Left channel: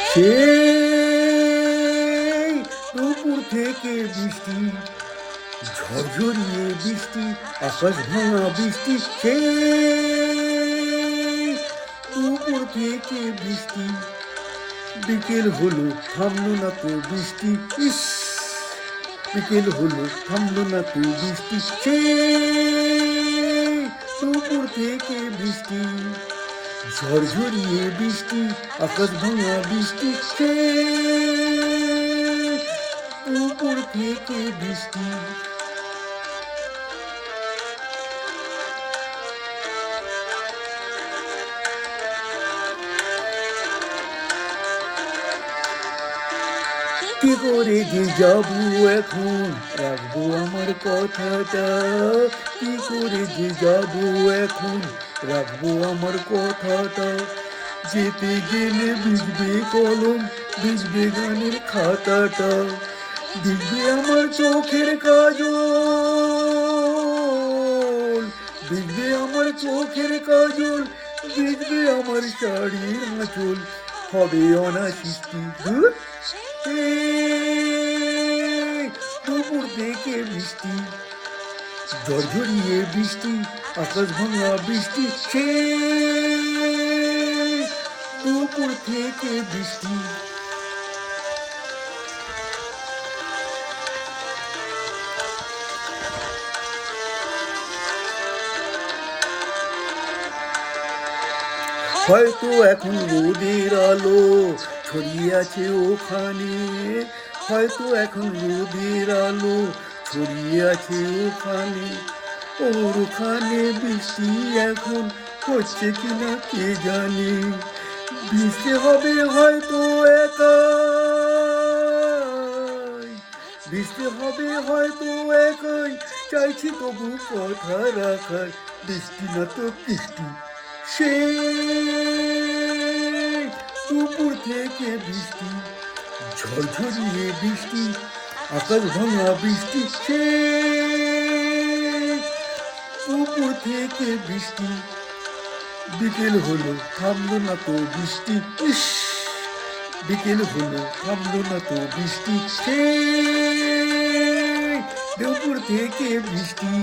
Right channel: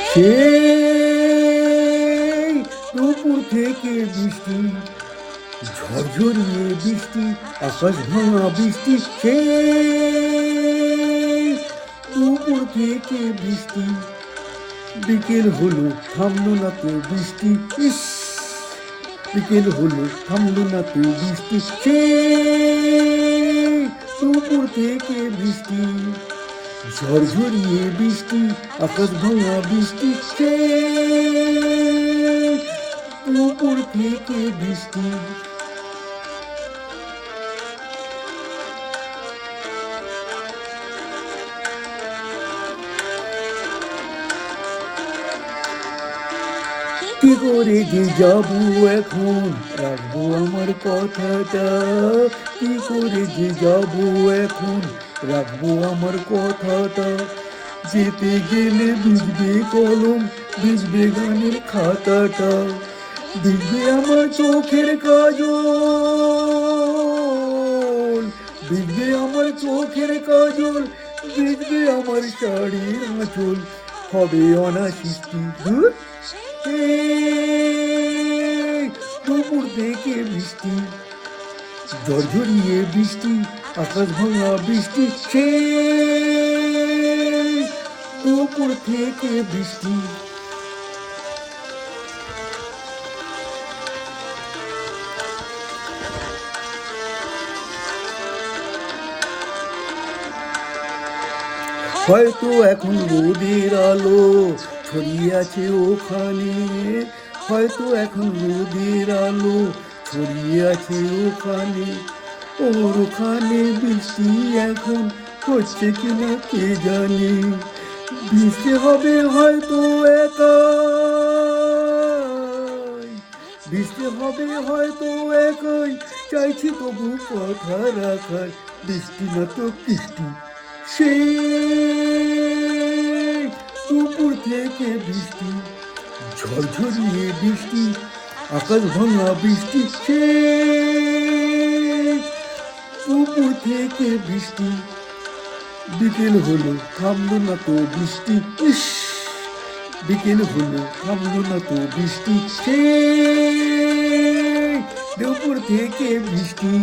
সেই দুপুর থেকে বৃষ্টি, ঝরঝরিয়ে বৃষ্টি, আকাশ ভাঙা বৃষ্টি, সেই দুপুর থেকে বৃষ্টি। বিকেল হলো থামলো না তো বৃষ্টি, ইস বিকেল হলো থামলো না তো বৃষ্টি, সেই দুপুর থেকে বৃষ্টি, ঝরঝরিয়ে বৃষ্টি, আকাশ ভাঙা বৃষ্টি, সেই দুপুর থেকে বৃষ্টি। কি করে যে যাবো এখন, রাখবো আমার কথাটা, কি করে যে যাবো এখন, রাখবো আমার কথাটা। যেতে গেলে ভিজবে কলম, ভিজবে গানের খাতাটা, ভিজবে আমার চোখের কাজল, ভিজবে আমার চোখের কাজল, ভিজবে আমার শাড়ির আঁচল, হবে অনাসৃষ্টি দূর। দুপুর থেকে বৃষ্টি, ঝরঝরিয়ে বৃষ্টি, আকাশ ভাঙা বৃষ্টি, সেই দুপুর থেকে বৃষ্টি। হয়তো এখন রোদের আলো ছড়িয়ে আছে ওখানে, হয়তো এখন রোদের আলো ছড়িয়ে আছে ওখানে, ওর ওখানে বৃষ্টি এখন হচ্ছে কিনা কে জানে। ভিজতে হবে হয়তো একাই, ভিজতে হবে হয়তো একাই, চাইছি তবু কথা রাখার, বৃষ্টি না তো বৃষ্টি, সেই দুপুর থেকে বৃষ্টি, ঝরঝরিয়ে বৃষ্টি, আকাশ ভাঙা বৃষ্টি, সেই দুপুর থেকে বৃষ্টি। বিকেল হলো থামলো না তো বৃষ্টি, ইস বিকেল হলো থামলো না তো বৃষ্টি, সেই দুপুর থেকে বৃষ্টি।